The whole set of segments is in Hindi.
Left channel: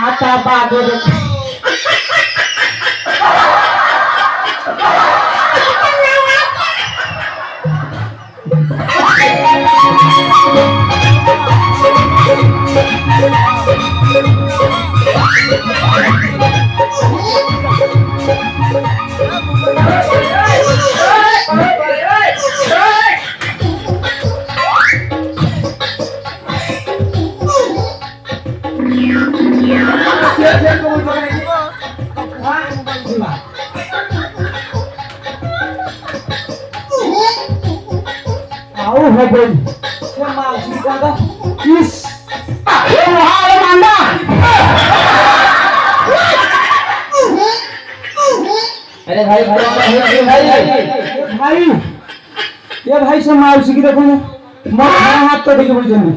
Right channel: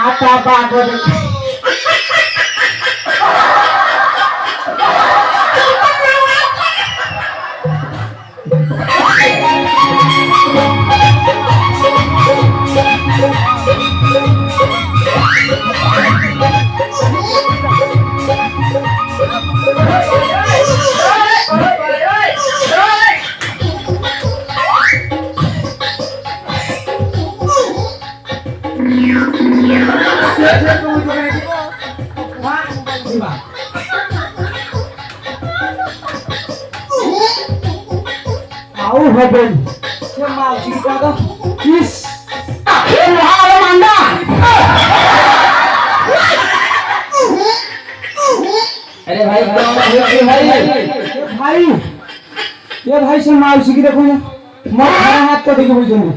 आता बागोर आओ है बन क्या मावशी का था इस ये हाल मांडा अरे भाई ये भाई से मावशी की देखो ना मत खरा हाथ तो देखो बोल जल्दी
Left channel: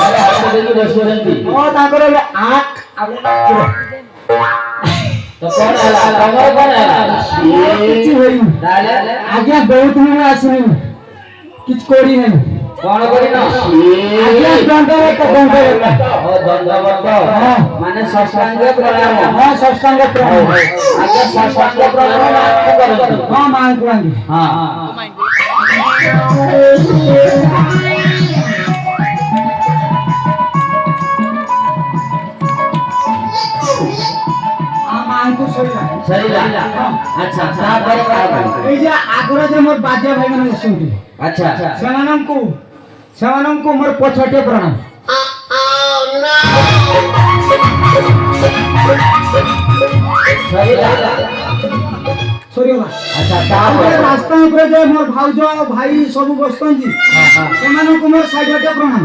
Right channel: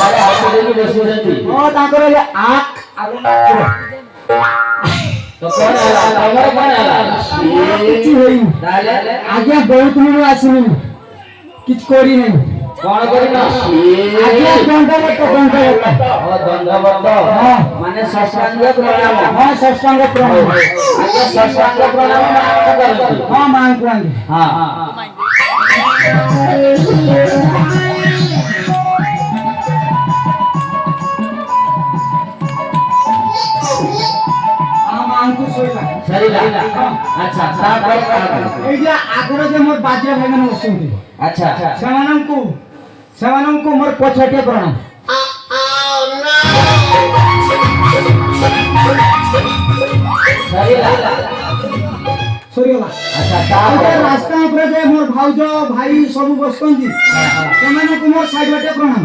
अरे हाथ तो देखो बस जल्दी ओ ताकर ये आंख अब तो कौन आला कौन आला ये किछ होई आज्ञा बहुत दिन आसनी किछ कोरी नहीं कौन कोरी ना आज्ञा दंडवत ओ दंडवत माने षष्ठांग प्रणाम हां षष्ठांग प्रणाम आज्ञा षष्ठांग प्रणाम मान करंतु हां मान करंतु हां सरीला अच्छा ए जे आगरा जे मोर बाजा भाई माने बसंती अच्छा सेमानंकु मोर पछटे प्रणाम सरीला अच्छा रास्ता ऊपर जे मोर भाउजो भाई सब बसंती सेमानंकु मोर साइडटे प्रणाम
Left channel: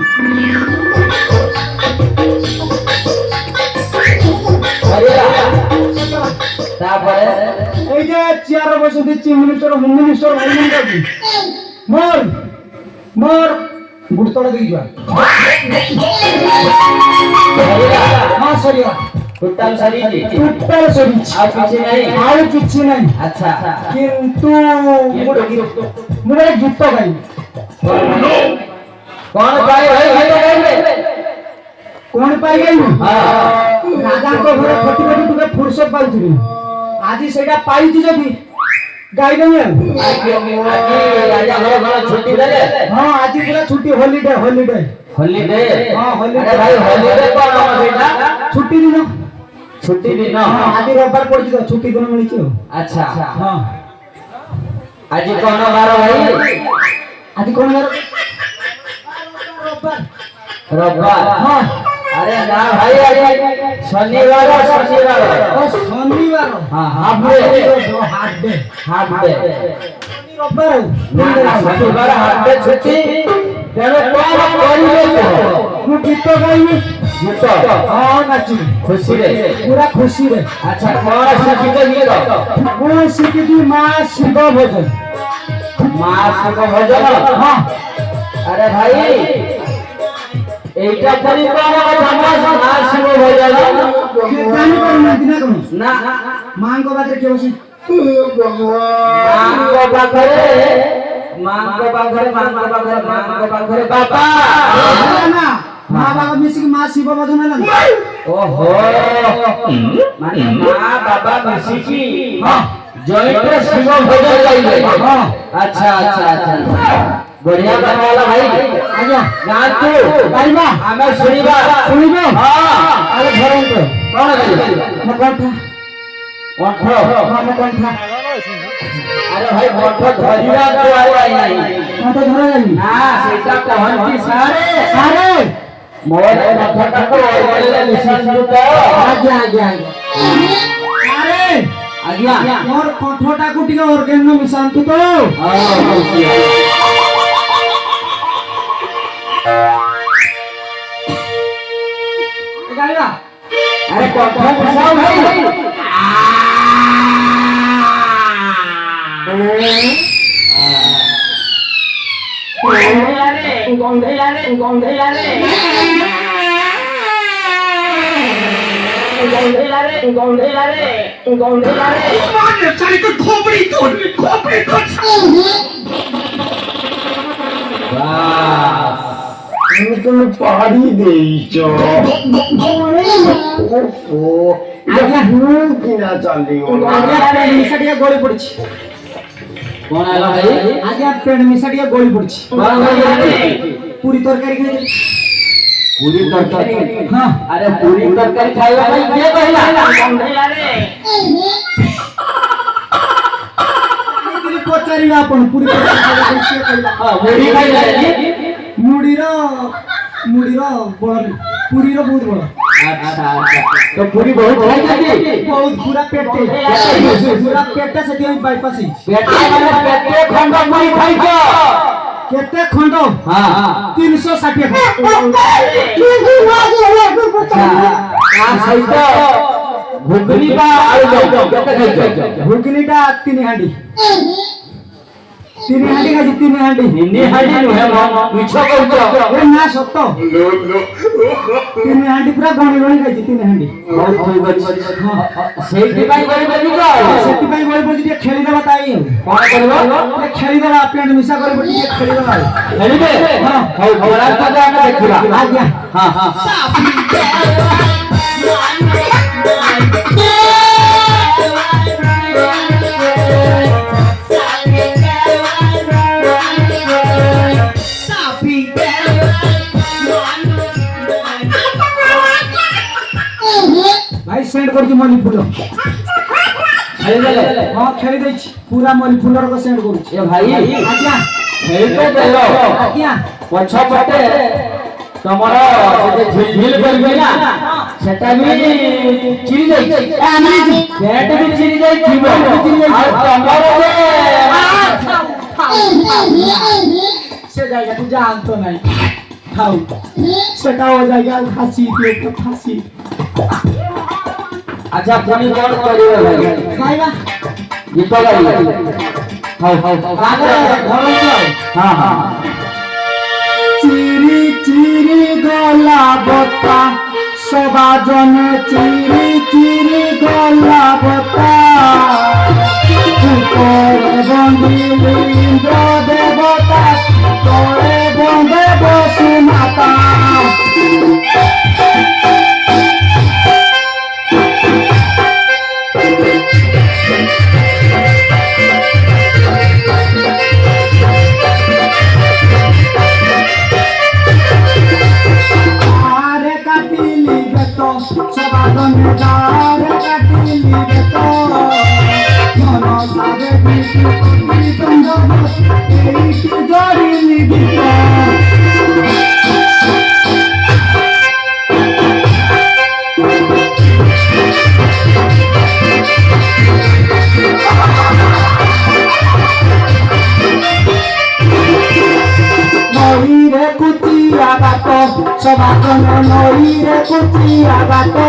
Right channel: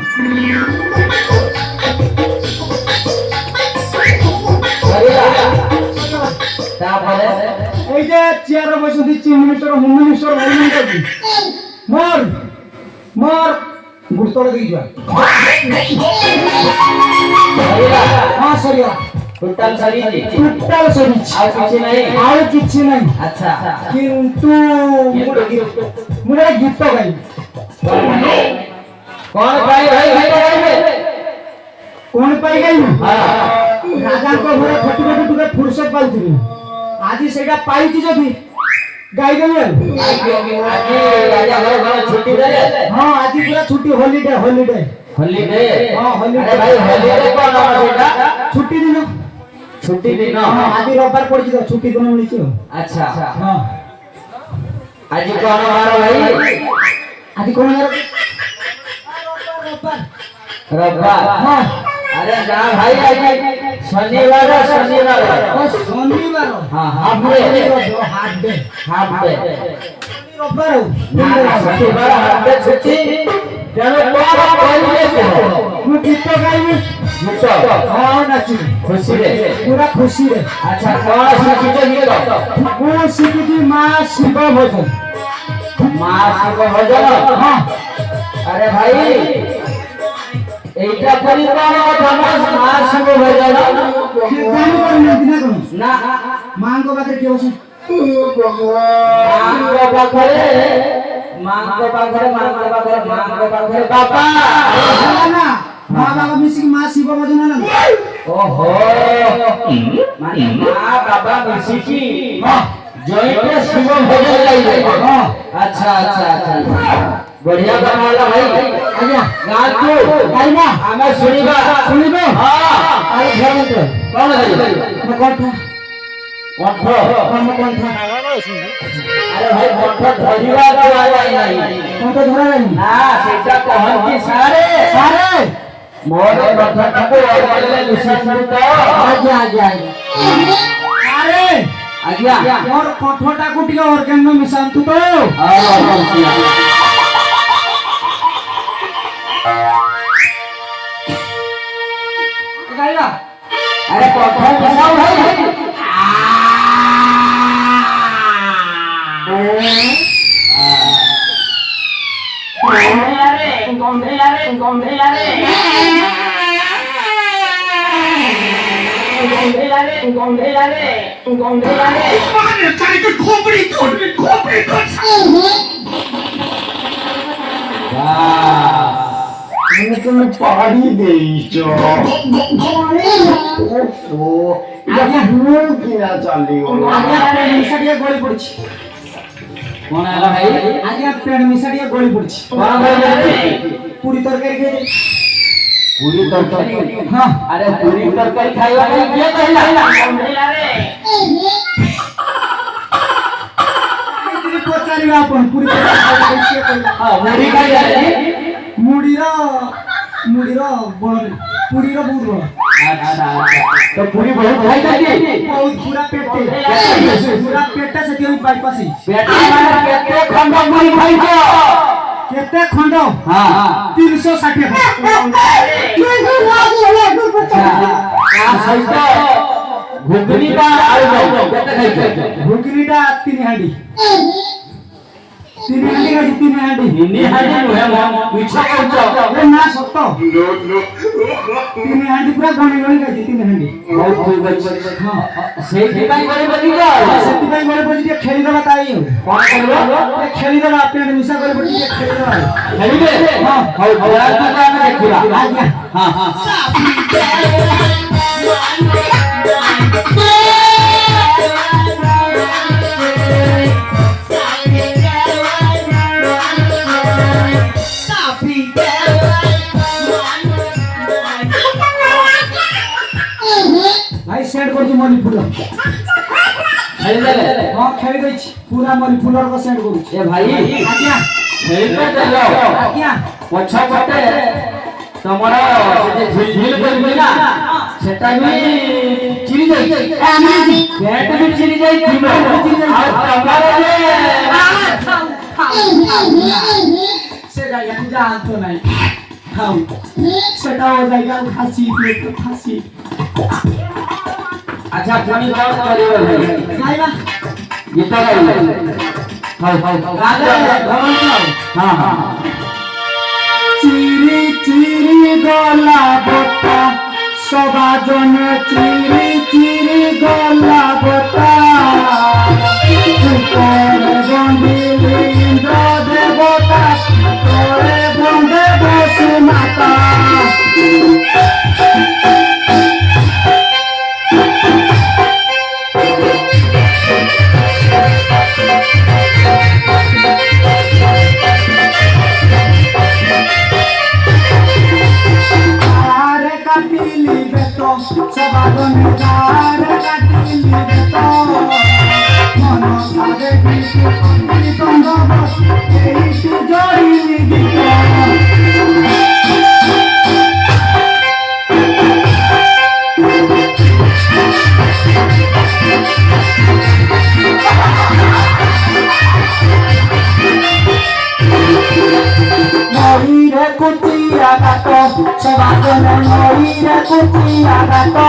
तापरे এই যে চেয়ার বসে দিচ্ছি মিনিস্টার হোম মিনিস্টার বলুন কাকি মোর গুড়তড় দেই যা हां सरिया टोटल सरी আর কিছু নাই আচ্ছা কিন্তু মোর গীত গাই কোন পাই ভাই কোন পাই গাই हां राजा को घरे फटी टुके फुर्सत पाइथिबी आज सेटा पाइछि जदी गाई देय आज राजा घरे छुट्टी देले हां आज पूरा छुट्टी हॉलिडे हां हॉलिडे अरे भाई हॉलिडे कोन सेटा छुट्टी दिन हां आज रविवार पड़छि तो छुट्टी दिन मिलिछि अच्छा हां आज कोन बार भाई आज कोन बार रविवार हां अरे ना भाई आज शनिवार हां हाफ डे शनिवार हाफ डे छुट्टी तेरे कोन करिले तू गीत गाइबी गीत हां नाची खुशी रे पूरा खुशी रे अच्छा कोन शिखित गीत कोन शिखित मां शिव भजन हां अरे भाई এইটা পরিকল্পনা কথা আর শিব হয়ে যাবে জানি পারি না দিনে কোন না মাঙ্গো বাদে কি বসে মাঙ্গো পাখরে বাবা না মা বাবা মিশি মা শিব ভজন না ওহো মানে মা বাবা মিশি কি জয়িত শিব ভজন গাইবে अच्छा बढ़िया बनाला भाई आज्ञा गा तू गाइबा हमें सुनिबे हां अरे घर में कौन गाइबा मैं कंठ हां मैं कंठ अरे भाई कंठ धरिया तो आई नहीं कंठ धरा नहीं ना सेटा कहंती सारे मोर कंठ को बोले निशान तो आज्ञा अरे आज्ञा मोर कंठटा को टिके ऑर्गन में मिशान तो अरे कंठ फसाओ भाई তুমি পারি দেইছো আগে ভুল কিনা চালি আগে মিশা দিয়ে গলি পড়ছি কোন আলা ভাই আগে পেন মিশা দিয়ে গলি পড়ছি পুরি তরকারি খেয়ে পুরি তরকারি হ্যাঁ আরে পুরি তরকারি খাইবা ভাই কে কইলা তুমি পচারিবা আপন পুরি তরকারি খাইবা হ্যাঁ মুড়ি খাইলা মুড়ির বড় পুরির বহুত বড় আচ্ছা তো পুরি বহুত খাইলা কি বহুত পুরা পেটে সেটি আমি বাইপাসি পেটে মানে কেতে খন্ড মুড়ি খাইছো কেতে খন্ড হ্যাঁ 360 আর খাইছো ঘুগনিটা আলু কেতে খাইছো ঘুগনিটা 3 হাঁড়ি 3 হাঁড়ি খাইছি 3 হাঁড়ি নিনি হাঁড়ি নুহে মিছ কইছো এ না সত্য 3 হাঁড়ি পুরা গনি গনি খাইছি 3 হাঁড়ি সেইଥିପାଇଁ ଗଳି ବଲି ଯାଅ ସେଥିପାଇଁ ଗଳି ପଡି ଟିକେ ଖେଳି ଦେବା ତାଇ କଣ କରିବ ଟିକେ ଖେଳି ଦେବା ପେଣ୍ଟ ମିଶା କରି ପଡି ଟିକେ ଖେଳି ଦେବା ଖେଳିବେ ହଁ ହଉ ଘୋଡ଼ା ତ ଆମେ ଦେଖିବା ଆଜ୍ଞା ହଁ ହଁ भाई सेंड कर दी मनी फूल ଖେଳି ଦେଲେ हां खेली दै छी पूरा मनी फूल रो सेंड करू ଏ ଭାଇ आज्ञा ଖେଳିତେ ଦେଲ आज्ञा ପଛ ପଟେ ତମର ସେତେ ଝିଲଝିଲ କରିବେ ନା ସେଟା ବି ଚିରି ଯାଇଛି ସେଟା ବି ଚିରି ଯାଇଥିବ ଆଉ ତମର से जाएगा तू जान तो नहीं खाऊ सेटा हो जाएगा फांसी पेट को फांसी ଆଚ୍ଛା ପୁଣି କଣ କରିବେ ଭାଇ खाइबा ଗୀତ ଗାଇବେ ହଉ ହଉ राधे भगवान ହଁ ହଁ चिरी चिरी गला बता सदा जन चिरी चिरी गला बता ऊपर बंदिली इंद्र देवता तोरे बंदे बसु माता काटिली बेतो सबादन दार काटिली बेतो मन सारे गीत गंध बस एई जड़िली गीत नई रे कुचिया गातो सबादन नई रे कुचिया गातो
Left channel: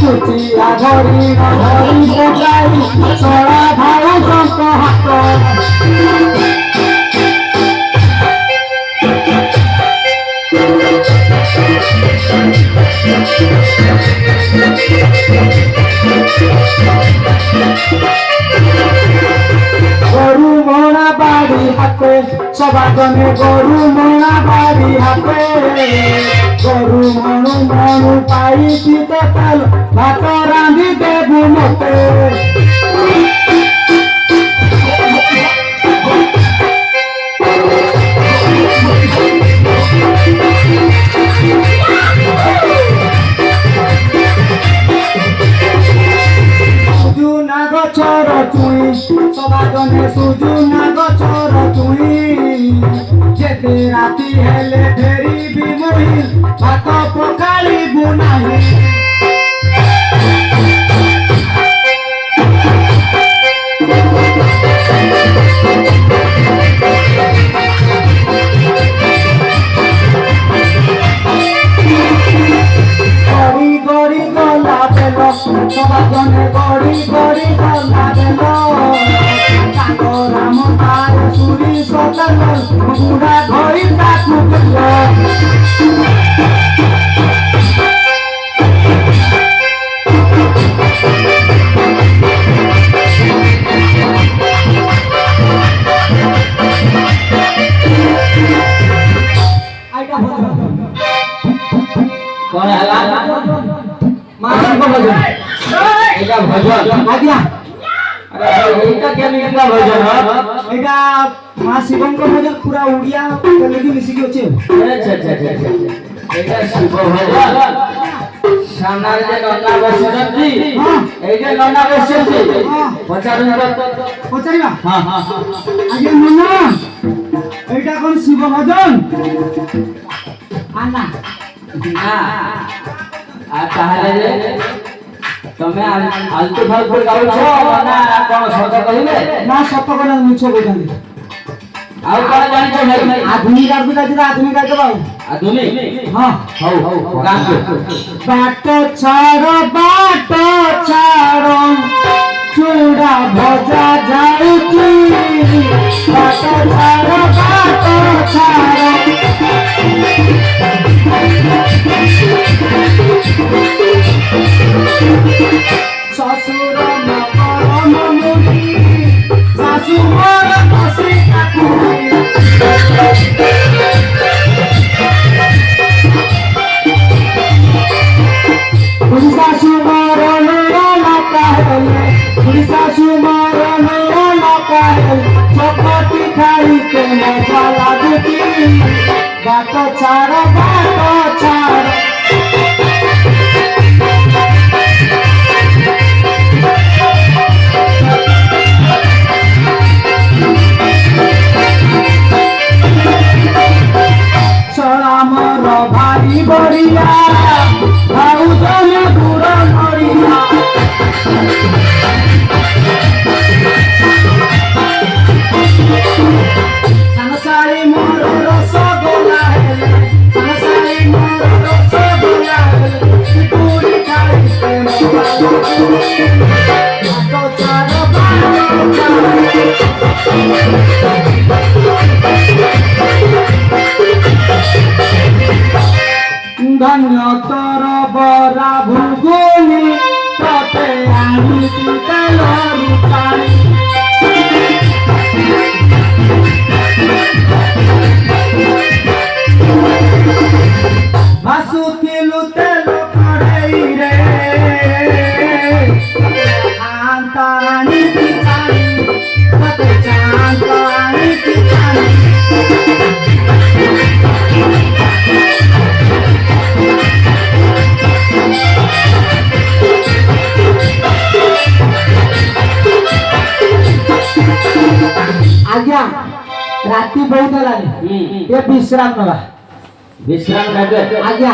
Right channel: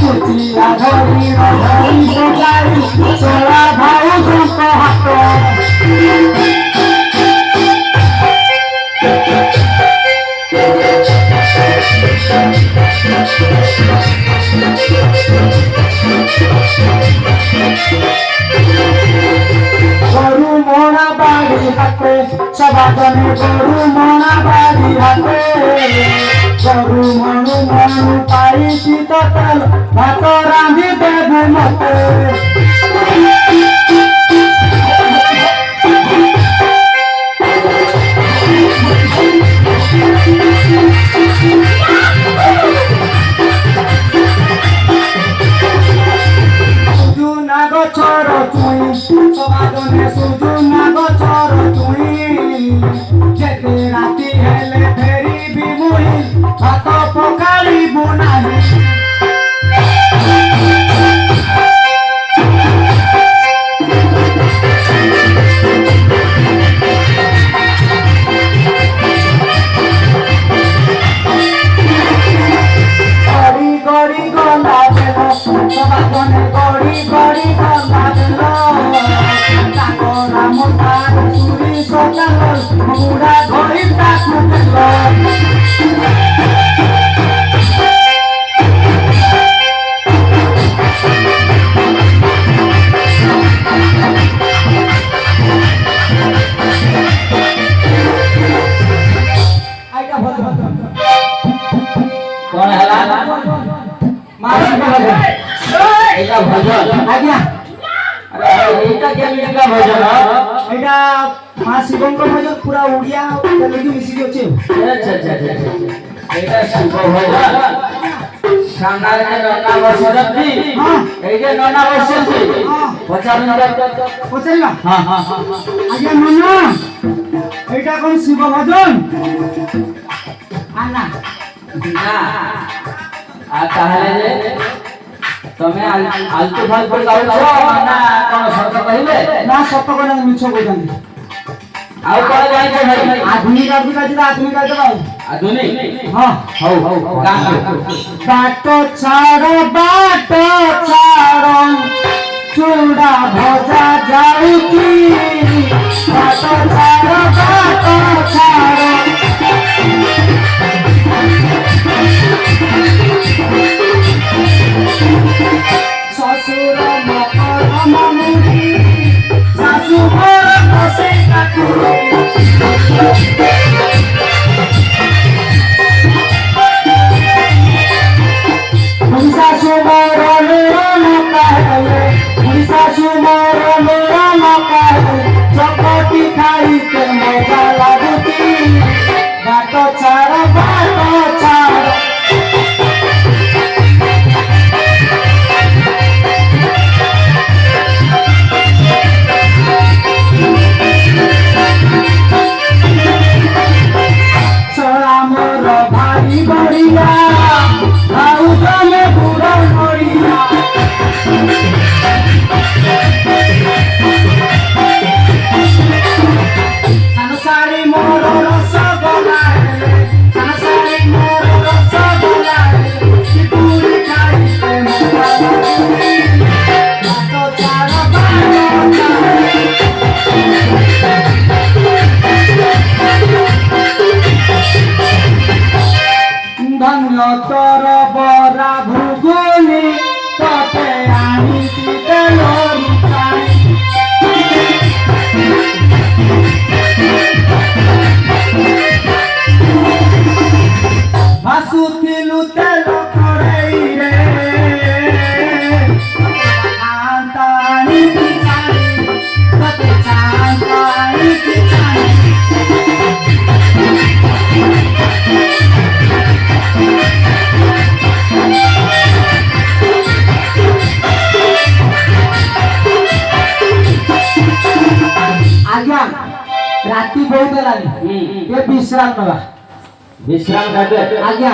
कुचिया धरी धरी सजाई सोला भाऊ संक हाथ গরু মনা বাড়ি হাতে সবাদনে গরু মনা বাড়ি হাতে গরু মনু মনু পাইছি ততল ভাত রাঁধি দেবু মতে সুজুনা গছর তুই সবাদনে সুজুনা গছর তুই যেতে রাতি হেলে ফেরিবি মুই ভাত পকালিবু নাহি গড়ি গড়ি গলা বেল সবাদনে গড়ি গড়ি গলা বেল তাঙ্গ রাম भजन आज्ञा अरे एटा केमिति का भजन एटा मां शिवंक भजन पूरा उड़िया बोली मिसिकी अछि अच्छा एटा शिव भजन सामना रे नन्ना बसरती हां ए जे नन्ना बसरती हां पचारिबा हां आज्ञा नन्ना एटा कोन शिव भजन आना ना आ ताहले रे तमे आलतू फालतू गाउछो ना कोन सत कहिबे ना सत कोन मिछ कहिदानी आउ कोन जानिछ भाई आधुनिक आदमी का आधुनिक का बाबू आधुनिक हां हौ गाम के बाट छाड़ चूड़ा भजा जाउची बाट छाड़ ससुर ममुरी सासु मोर बसे काकुरे उड़ीसा सुमारो मेरा नकाल उड़ीसा सुमारो मेरा नकाल चपाती खाई के मजा लागती बाट छाड़ चला मोर भाई बड़िया भाऊ जने गुड़ नड़िया संसारी मोर रसगोला संसारी मोर रसगोला पूरी खाई पे तो चार धन्य तोर बरा भुगुनी तते आनिति तेलरी पानी भासुतिलु तेल कड़ेई रे आंतानी पिछानी तते चांतानी पिछानी आज्ञा राती बहुत लागे ये विश्राम नवा विश्राम करबे आज्ञा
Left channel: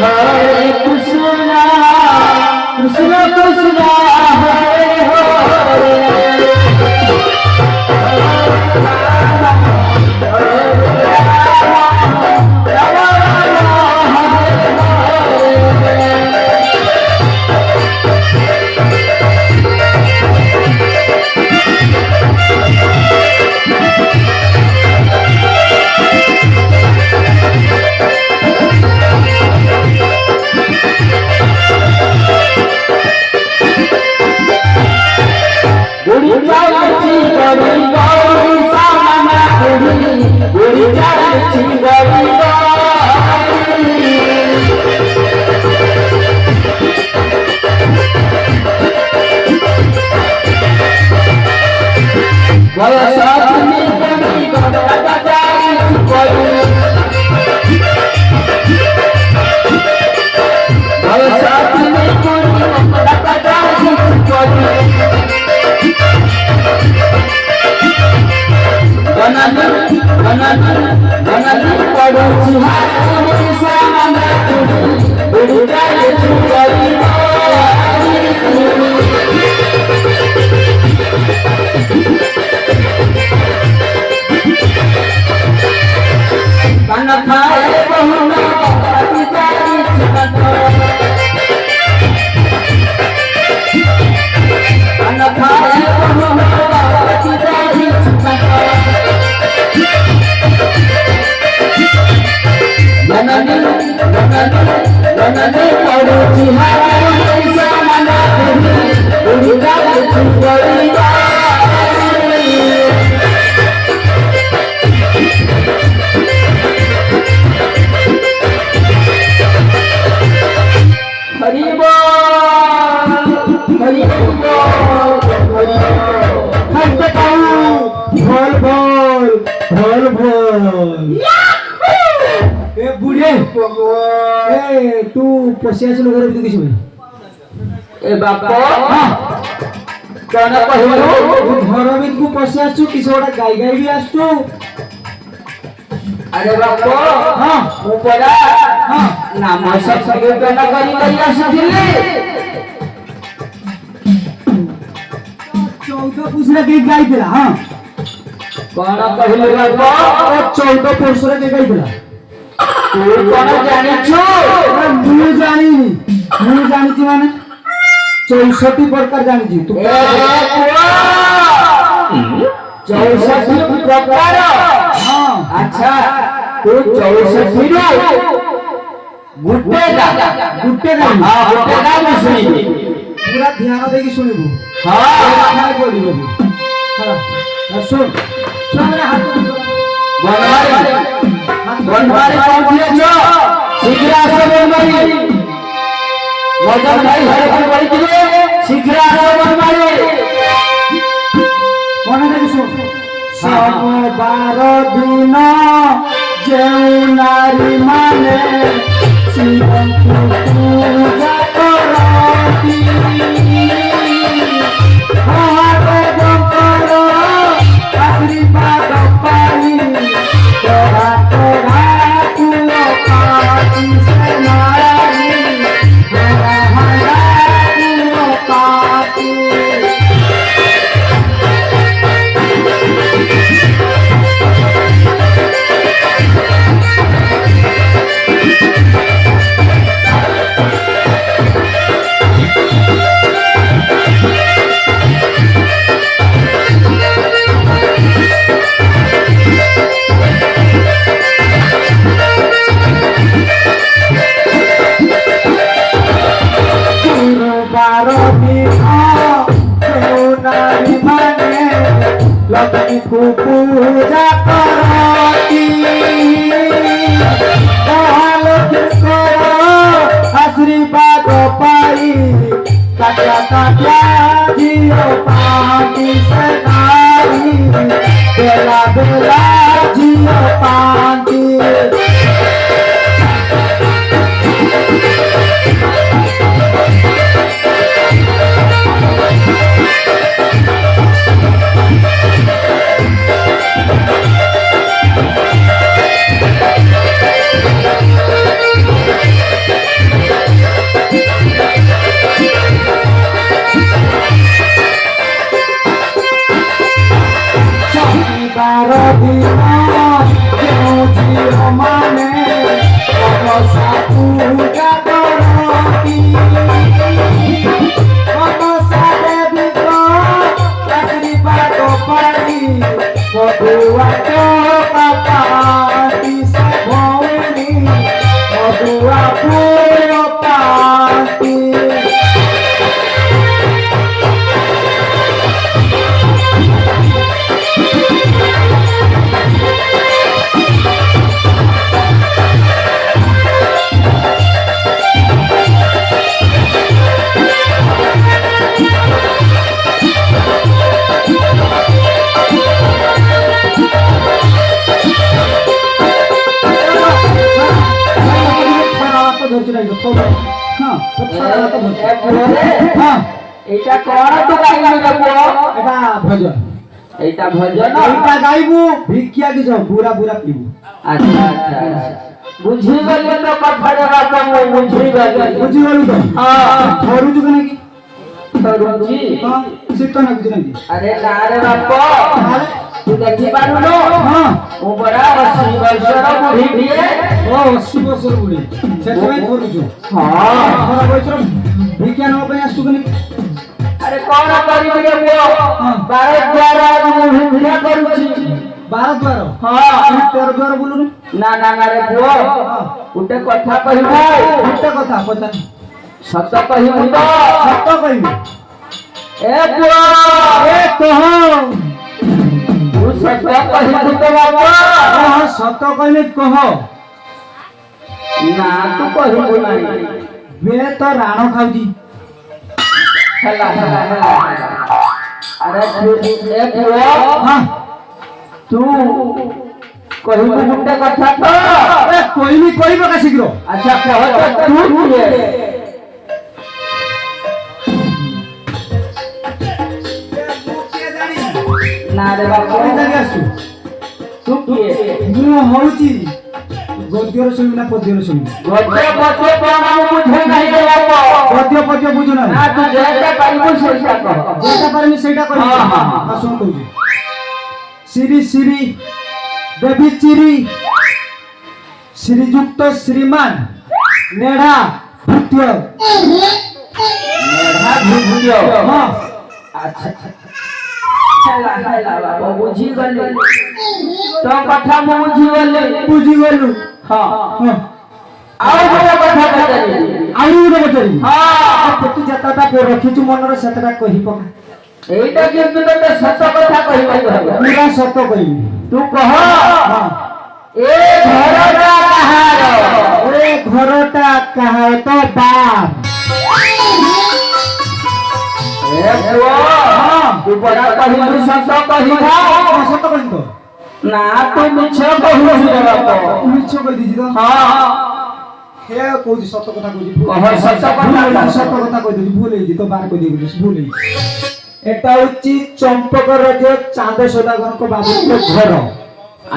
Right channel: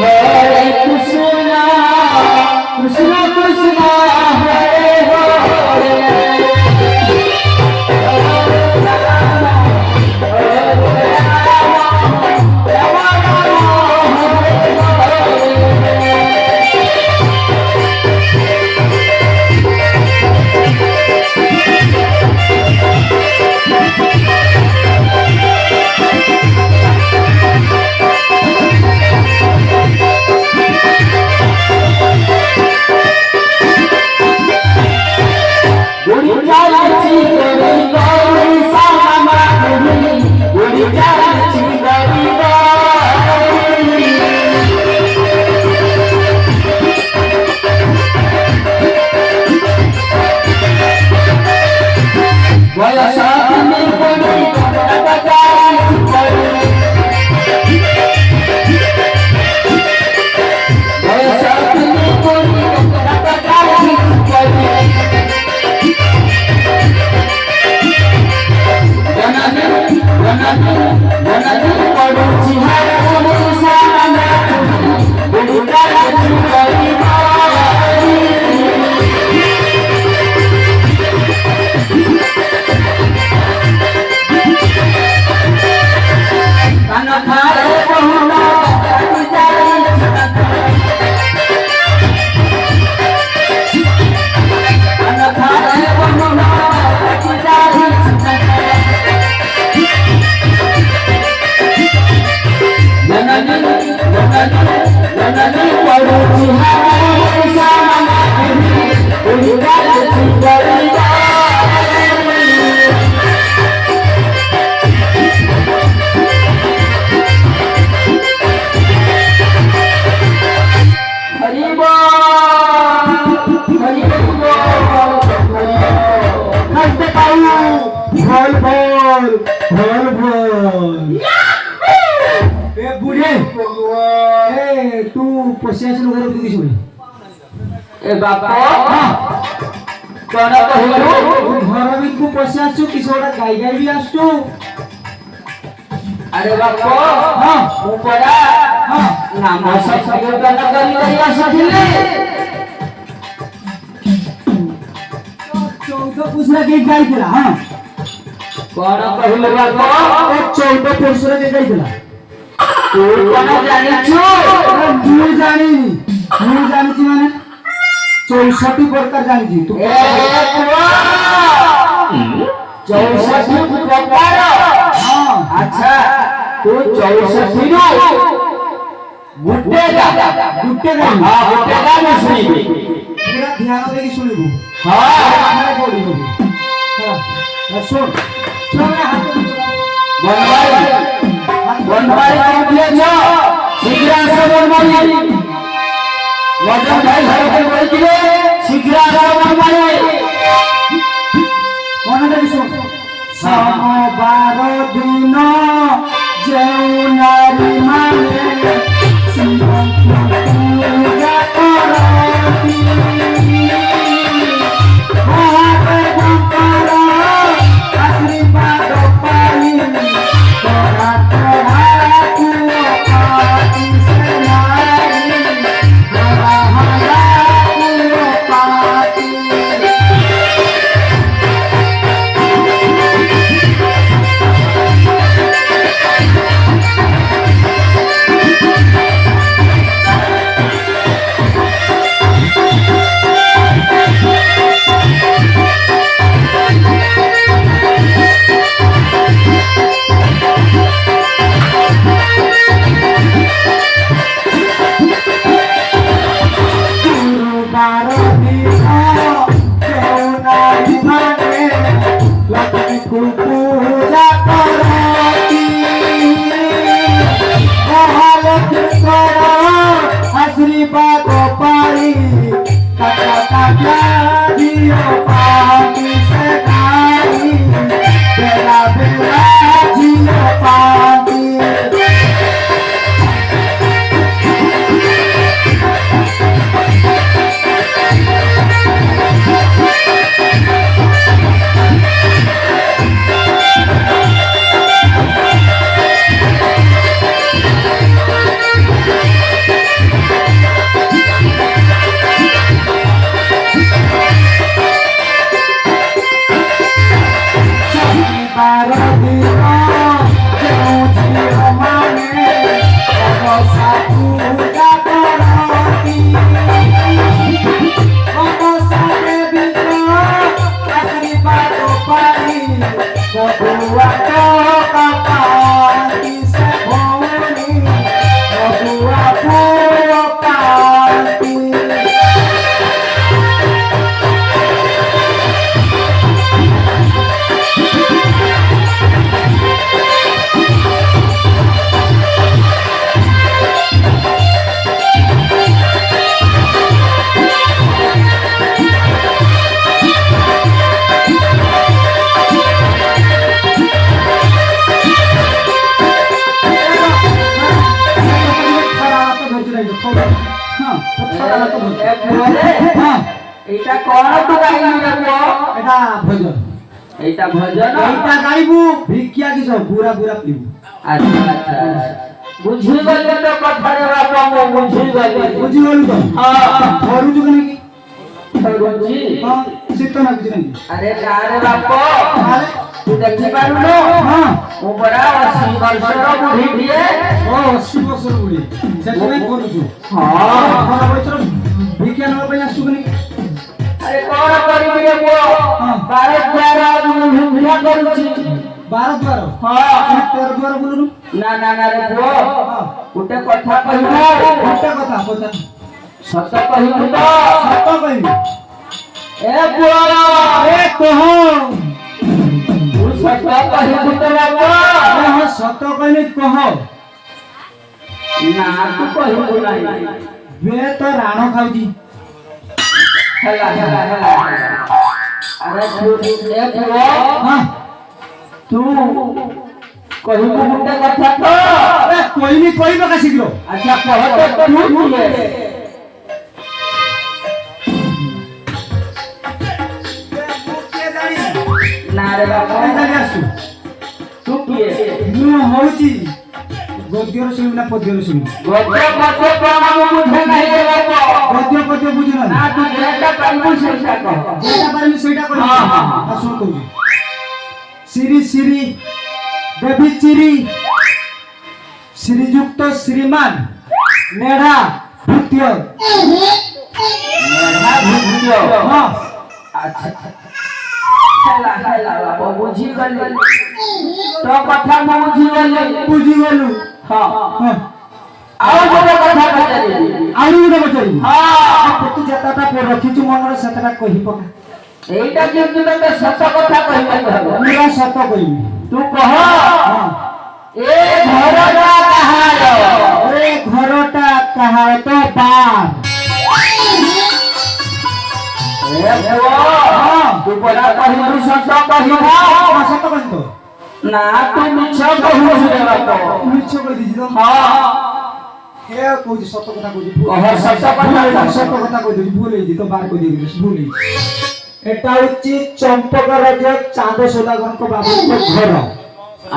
हरे कृष्ण कृष्ण कृष्ण हरे हरे ए बुढ़े ए तू पसिया से लोग रखी किछु ए बापा कोना कहू घर में तू पसिया छु किछु ओडा गाई गाई भी आसु अरे बापा हां ऊपरा हां नाम सब सगे कोना करी आसुथिले 14 पुसरा के गाई दिला हां कोना कहले बापा 14 पुसरा के गाई दिला तू कोना जानिछु मु जानिछि माने 64 प्रकार जानिछि तू ए पुआ 64 प्रकार हां अच्छा तू 64 रो गुट्टे दा हां गुट्टे दा मैं सुनिबी पूरा ध्यान देके सुनिबू हां खाना बोलिबू हां सुन सुन हाथ बनवारी दिया छ शीघ्र आसे बनवारी वजन भाई घर के बड़ी दिले शीघ्र आसे बनवारी मने देके सुन सोमवार दिन जेउ नारी माने शिवଙ୍କୁ पूजा କରନ୍ତି ମହାଦେବଙ୍କର ଆଶୀର୍ବାଦ ପାଇ କରାଟେ ରାଖୁଲ ପାତି ସେ ନାରୀ ରାହୁଲ ପାତି पूजा करती आशीर्वाद पाई झियो पाती सदाई बेला बेला झियो पाती এইটা কোন তো গাইবি রে পুଅ এটা ভজন এইটা ভজন এইটা গাইবু ভিক্ষা কি সব পুরা পুরা পিবু আচ্ছা আচ্ছা বুঝি গলি তো কথারে বাপা মো বুঝি গলি তো হ্যাঁ ধরু জু নাকি ধরুজি হ্যাঁ শীত না কিছু নাকি আরে না রে বাপা আরে তু দেখি পারুনো হ্যাঁ ও বড় 80 বছর বুড়ি দিয়ে ও 80 বছর বুড়ি সেটাই করুছু হ্যাঁ খরা বছর ভিক্ষা নব ପାଇଁ আসু নাকি আরে কোন করিবি রে পুଅ 12 12 ভিক্ষা করুছি 12 12 হ্যাঁ 13 12 বুলুनु না না না রে পুଅ ଗୋଟେ କଥା କହିବୁ একটা কথা পচা ସତ କହିବୁ ତ সত্য কইবি ଏ ପୁଅ এ কহ ତୁ ସତ କହିବୁ ତ ବାପା কহ সত্য কইলে কহ ନା ତୁ କହିବୁ ନାହିଁ বে তো রাণ খাউজি ହେଲା ହେଲା ହେଲା ଆରେ ତୁ ଏ ପୁଅ হ্যাঁ ତୁ କହିବୁ ଗୋଟେ କଥା ତ এ কই କହିବି କହିବ କା ଶୀଘ୍ର अच्छा कह तो तू किए ना रे बाबा ଜାଣି ଆସୁ तू किए ମୁଁ ହଉଛି ଗଦ୍ୟର ଶୁଣିବି ନା ପଦ୍ୟର ଶୁଣିବି गद्य गद्य प्रणाम मुझे नहीं दे बाबा ପଦ୍ୟ ପଦ୍ୟ ବୁଝୁ ନା ना तू जेटा पाइबो सेटा कह যেটা পারবি ସେଇଟା କହିବି ହଁ, ହଁ, ହଁ। ଶୁଣ କହୁଛି শ্রী শ্রী দেবী চিরি শ্রীযুক্ত শ্রীমান নেড়া ভূত্য मेरा भूतियो হ্যাঁ अच्छा हेला हेला बाबा बुझी गले तो कथा मु बुझी गले ବୁଝିଗଲୁ हां ହଁ ଆଉ ଗୋଟେ କଥା ପଚାରିବି ଆହୁରି ଗୋଟେ ପଚାରିବି ହଁ ତୁ ଯେତେଟା ରଖିଛୁ ମନରେ ସେତେଟା କହି ପକା ଏଇଟା କିନ୍ତୁ ତତେ ସତ କଥା କହିବାକୁ ହେବ ମୁଁ କାଇଁ ସତ କହିବି ତୁ କହ ହଁ ଏ ଘରଟା କାହାର ଏ ଘରଟା କାହାର ତ ବାପ ଏ ପୁଅ ହଁ ତୁ ବଡା କହିଲୁ ସତ କହିବା ହଁ, ସତ କହିଲି ତ ନା ତୁ ମିଛ କହୁଛୁ ରେ ବାପ ମିଛ କହିଦେଇଛି ତ ହଁ ହେ କହୁଛି ସତ କଥା କହୁଛି କହ ସତ କଥା କହ। ସତ କଥା କହିଦେଉଛି ଭୁଲ ହେଇଛି ତ ବାର କହିଦେବି ଭୁଲ ହେଇଛି এটা হচ্ছে চম্পক রাজ্য চাঁদ সৌদাগরଙ୍କ বাবুଙ୍କ ঘর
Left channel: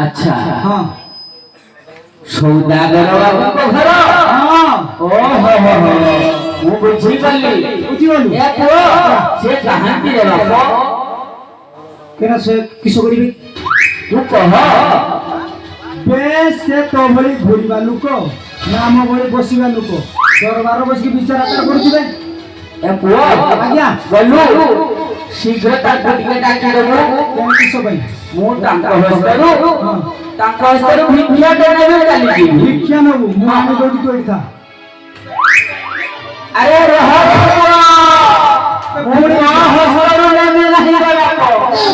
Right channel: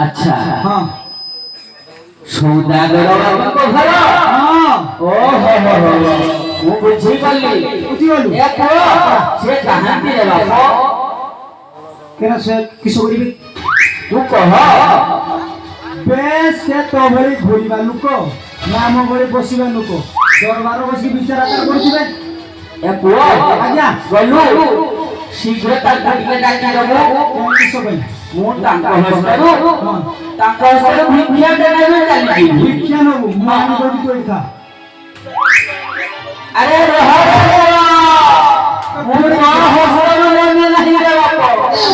अच्छा ହଁ ସୌଦାଗର ବାବୁଙ୍କ ଘର ହଁ ଓହୋ ହୋ ହୋ ମୁଁ ବୁଝିଗଲି ବୁଝିଗଲୁ ଏ ପୁଅ ସେ କାହାନ୍ତି ରେ ବାପ কেন সে কিস করিবি ତୁ କହ বেশ সে তো ভଳି ঘুরিবা লোক নাম ভଳି বসিবা লোক দরবার বসি বিচার আচার করছিবে ଏ ପୁଅ আজ্ঞা ଗଲୁ ଶୀଘ୍ର ତାଙ୍କୁ ଟିକେ ଡାକିଦେବୁ কেন কিস পাই ମୁଁ ତାଙ୍କ ହସ୍ତରୁ ଭିକ୍ଷାଟେ ନେବି ଚାଲିଯିବି ভিক্ষা নেবু মু আমি দৌড়ি তো এটা ଆରେ ରହ ରେ ପୁଅ ମୁଁ ତୋ ହସ୍ତରୁ ନେବି ନାହିଁ ରେ ବାପ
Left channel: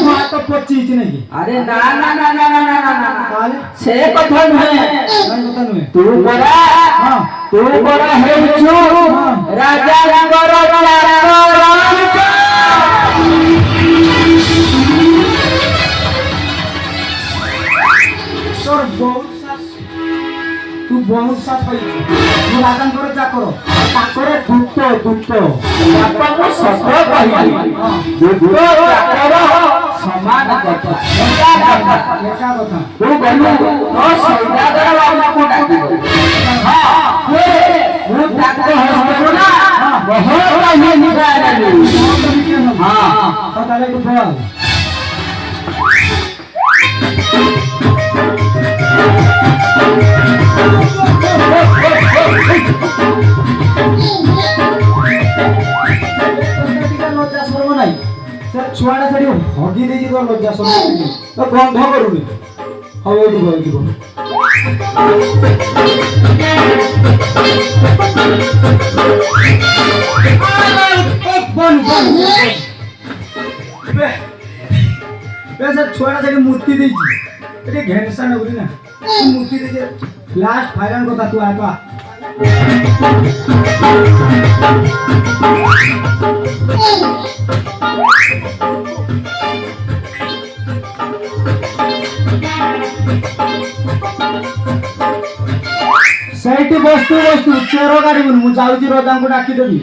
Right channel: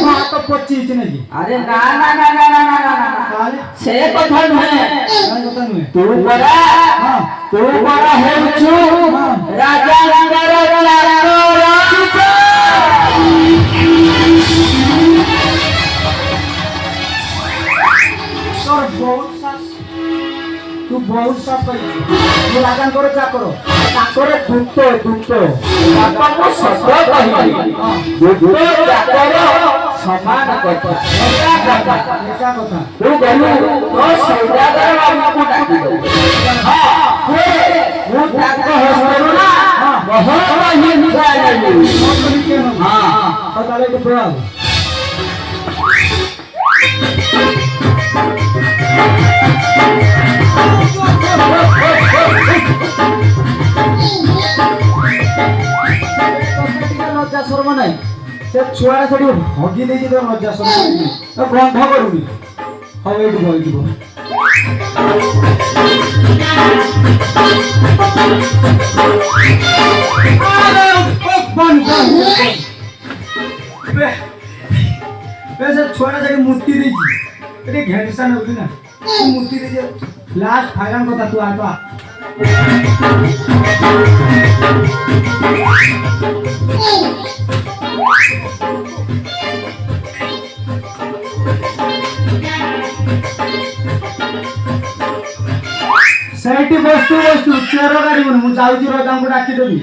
মা তো পচিছি নাকি ଆରେ ନା ନା ନା ନା ନା ନା ନା ନା তাহলে ସେ କଥା ନୁହେଁ কারণ কথা নয় ତୁ ପରା হ্যাঁ ତୁ ପରା ହେଉଛୁ ରାଜାଙ୍କର ଚାକର তোর বহুত শ্বাস তুই বহুত শ্বাস পাই মু রাজাঙ্কর চাকর তাকরে দুত দুত ବାପା ମୁଁ ସତ କହିଲି ଦୁଧ ଚାକର ସମାନ କଥା ଏକା କଥା ଏକା କଥା ତୁ ଗଲୁ ତୋ ସୌଦାଗର ବାବୁଙ୍କୁ ଡାକିବୁ ମୁଁ ତାଙ୍କ ହସ୍ତରୁ ନା ବହୁତ ହିଂସା ନେବି মত কেন ହଁ তো তাহলে একটু পড়াও লজ্জা শর্মা নাই সে ছুয়াটা সেটি হগি দিয়েছি তোর লজ্জা শর্মা নাই তো গন্ধ করুনি হবে এইটুকু এইটুকু ছুয়াটা সেটি মূর্তি দিয়েছি এটি ঘেনসা না বুঝলি না মূর্তি দিয়েছে লাস্ট ফাইনাল কথা তুই আগে ସେଇଠି ବস্তୁ ବস্তୁ ଚେର ଗାଡି ମୁଁ ଯାଉଛି ରଜାଙ୍କୁ ଡାକିଦେବି